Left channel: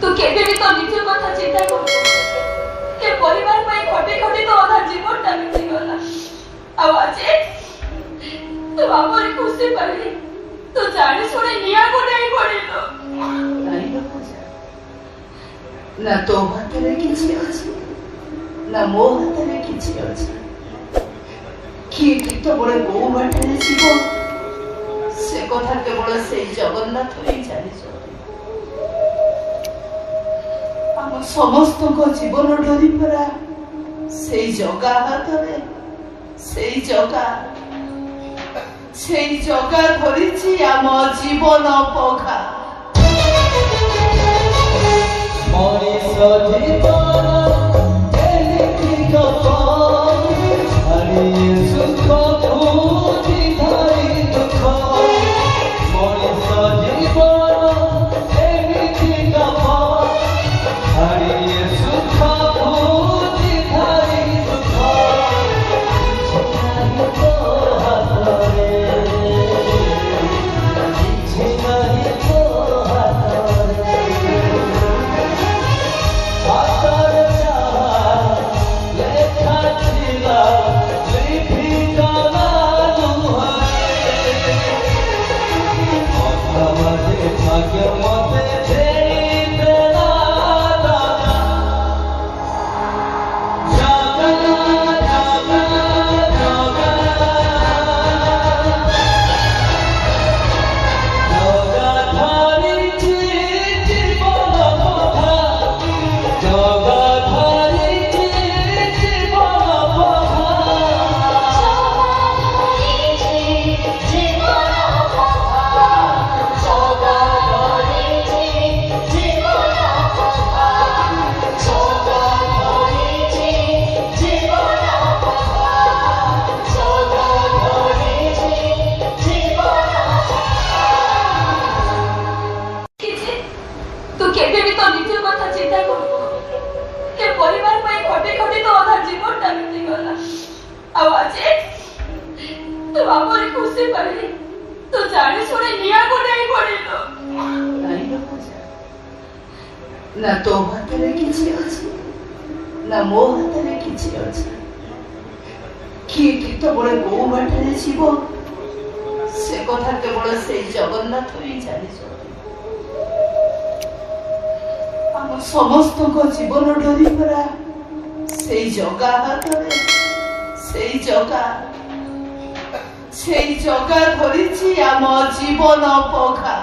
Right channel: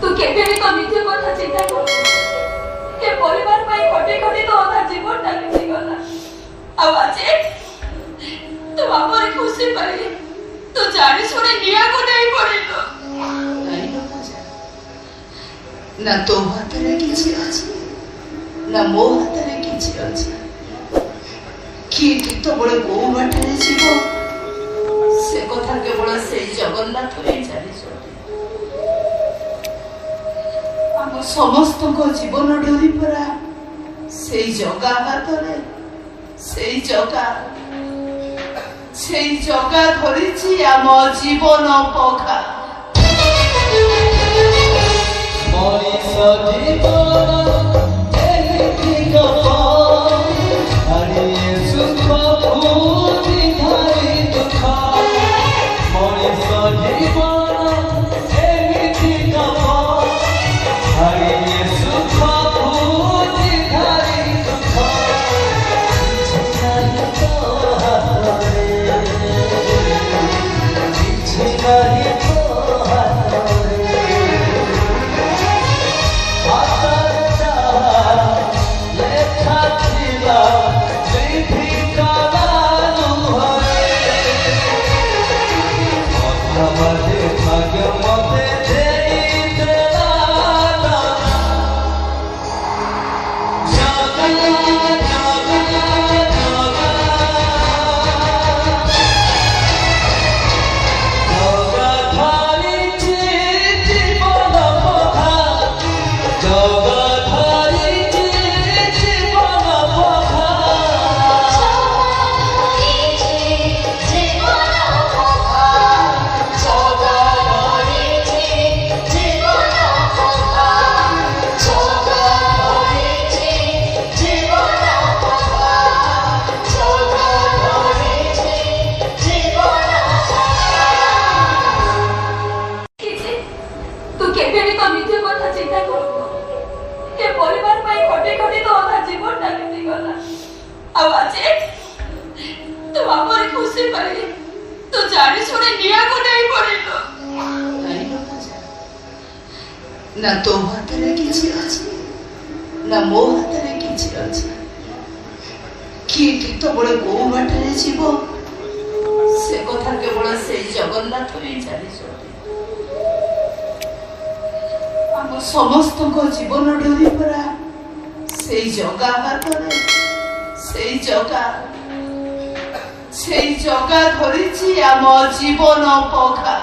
तू केबे भी तो निज कथा चिंता कर ए परिवार में खटे खटे तो अधा जीवन टा बीती गला आ आज तू बापर खुशी पड़ी तू जानी सुने निया को नहीं पड़ी तो नहीं बाबा जा ना तो हाथ रे किछि अछि ना मो हाथ रे किछि अछि किए केते बड़े गो बाटे जीव से कथा केवल से जगन्नाथ ही जानिछ हम समस्त को जीवन डोरी परा से जगा हाथ रे से जगा धरिछि आम जीवन पखा मनीष जीवन एलिति गप हरि सुख भूति धरि दुख मनीष जीवन एलिति गप हरि सुख भूति धरि दुख नहीं तो हाथरे किछि नहीं तो हाथरे हाथरे लेखा थिला लिपिकाला लुहरे अथवा भाग्य मते देई देला दाना तू केबे भी तो निज कथा चिंता कर ए परिवार में खटे खटे तो अधा जीवन टा बीती गला आ आज तू बापर खुशी पड़ी तू जानी सुने निया को नहीं पड़ी तो नहीं बाबा जा ना तो हाथ रे किछि अछि ना मो हाथ रे किछि अछि किए केते बड़े गो बाटे जीव से कथा केवल से जगन्नाथ ही जानिछ हम समस्त को जीवन डोरी परा से जगा हाथ रे से जगा धरिछि आम जीवन पखा।